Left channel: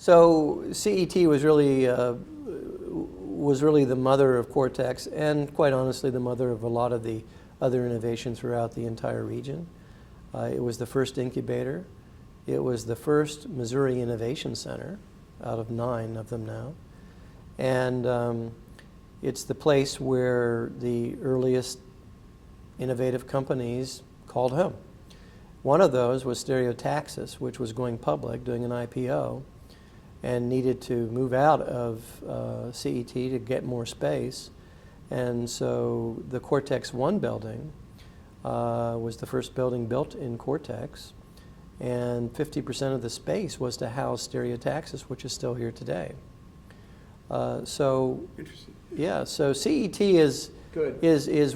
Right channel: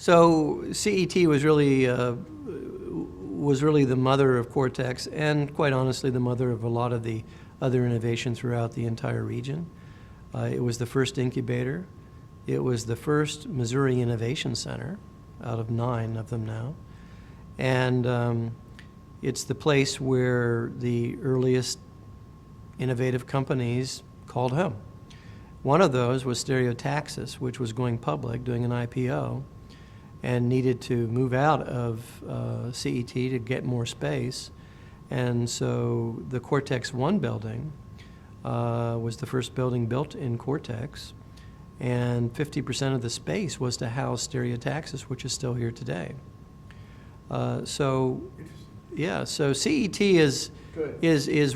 So CET was really the mother of Cortex, and quite honestly, the mother of a lot of the other innovation throughout the entire region. It was the first incubator. It was the first Missouri Innovation Center, out of 9 of them now. And it's the place where the earliest innovative companies called home. One of those was Stereotaxis, which was going public, doing an IPO, and needed to move out of CET to get more space. And so the Cortex 1 building was the first building built in Cortex, and 50% of the space was to house Stereotaxis, which is still here today. So CET is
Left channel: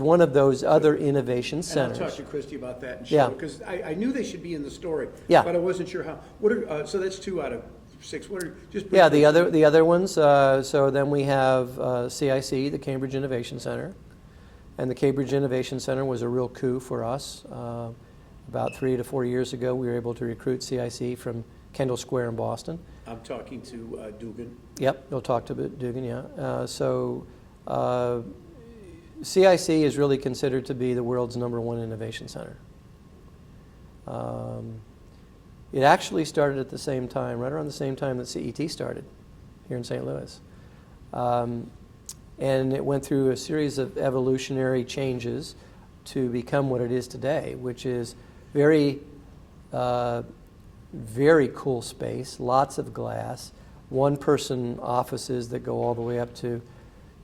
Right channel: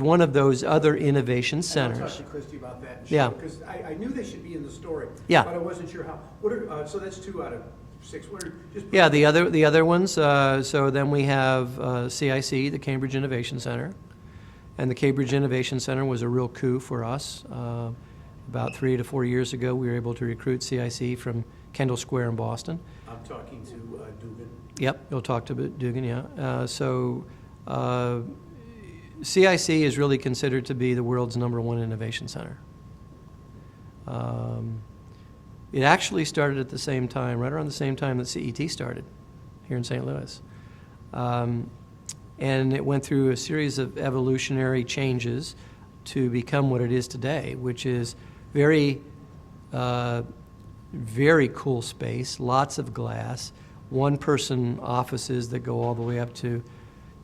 one of those other innovation centers. And I'll talk to Christy about that and Yeah. because I knew they should be in the story. Yeah. But I wasn't sure how. What are so that's 2 out of 6. What are just Yeah, the other ones. So then we have CIC, the Cambridge Innovation Center, and the Cambridge Innovation Center was a real coup for us. About 3 to 4 years ago, we were able to recruit CIC from Kendall Square in Boston. I'm talking to Dugan. Yep, you'll talk to Dugan. Yeah. CIC is really considered to be the world's #1 innovation center. It actually started at the same time, right around the same time that CET started here in St. Louis. And it went through a series of evolutionary changes to become what it is today, which is very, very cool space, lots of glass, one-person offices that go all the way up to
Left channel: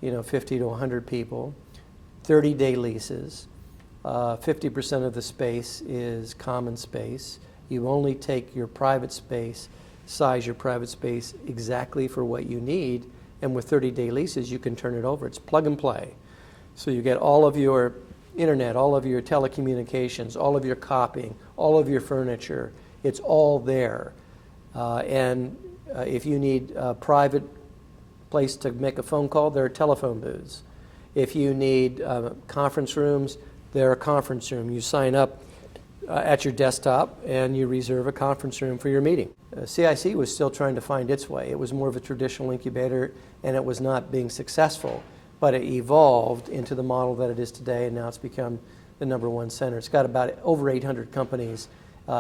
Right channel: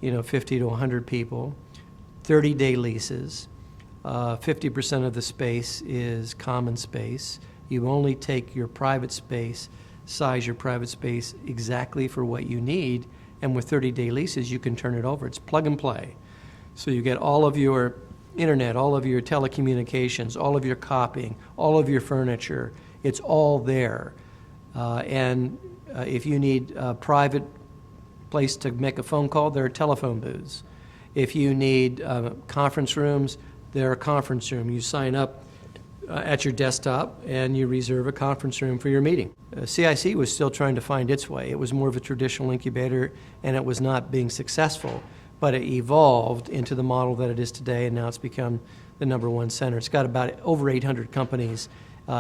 50 to 100 people, 30-day leases. 50% of the space is common space. You only take your private space, size your private space exactly for what you need, and with 30-day leases, you can turn it over. It's plug and play. So you get all of your internet, all of your telecommunications, all of your copying, all of your furniture. It's all there. And if you need a private place to make a phone call, there are telephone booths. If you need conference rooms, there are conference rooms. You sign up at your desktop and you reserve a conference room for your meeting. CIC was still trying to find its way. It was more of a traditional incubator and it was not being successful, but it evolved into the model that it is today, and now it's become the #1 center. It's got about over 800 companies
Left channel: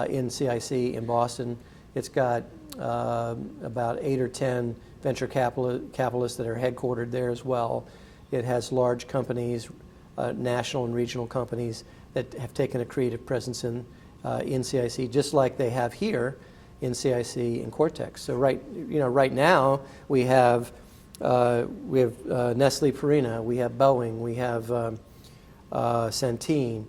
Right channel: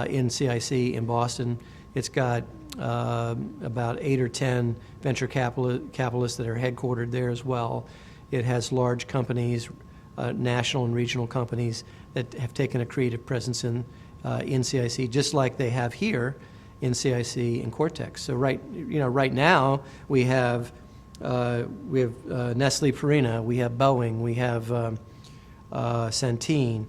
in CIC in Boston. It's got about 8 or 10 venture capitalists that are headquartered there as well. It has large companies, national and regional companies that have taken a creative presence in CIC, just like they have here in CIC and Cortex. So right now we have Nestle Purina, we have Boeing, we have Centene,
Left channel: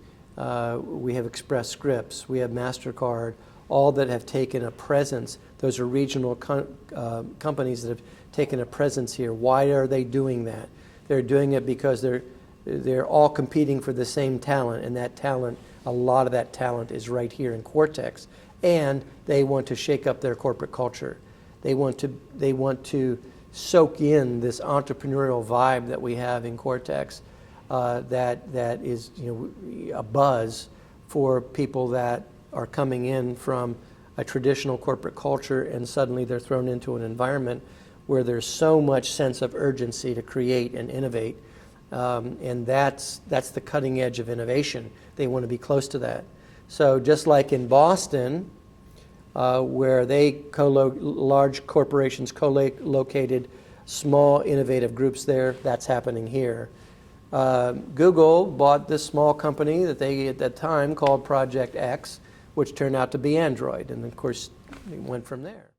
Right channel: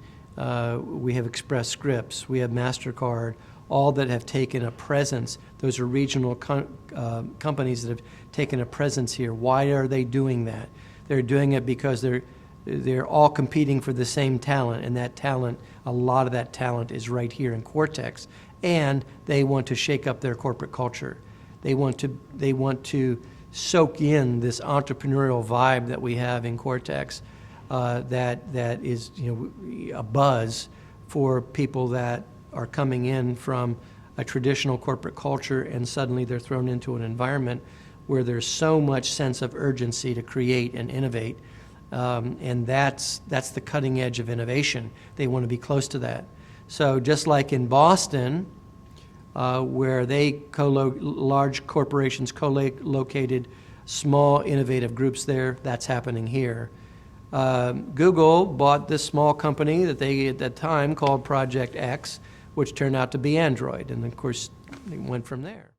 we have Express Scripts, we have MasterCard, all that have taken a presence. Those are regional companies that have taken a presence here. Why are they doing that? They're doing it because they're all competing for the same talent, and that talent, a lot of that talent is right here in Cortex, and they want to shake up their corporate culture. They want to soak in this entrepreneurial vibe that we have in Cortex, that is a buzz for people that are coming in from a traditional corporate culture, and suddenly they're thrown into an environment where there's so much sense of urgency to create and innovate, and that's the cutting edge of innovation. They want to be close to that. So just like in Boston, where large corporations co-located small innovative groups there, that's happening here. Google bought this small company that they at that time called Project X, which turned out to be Android, and of course it went from there.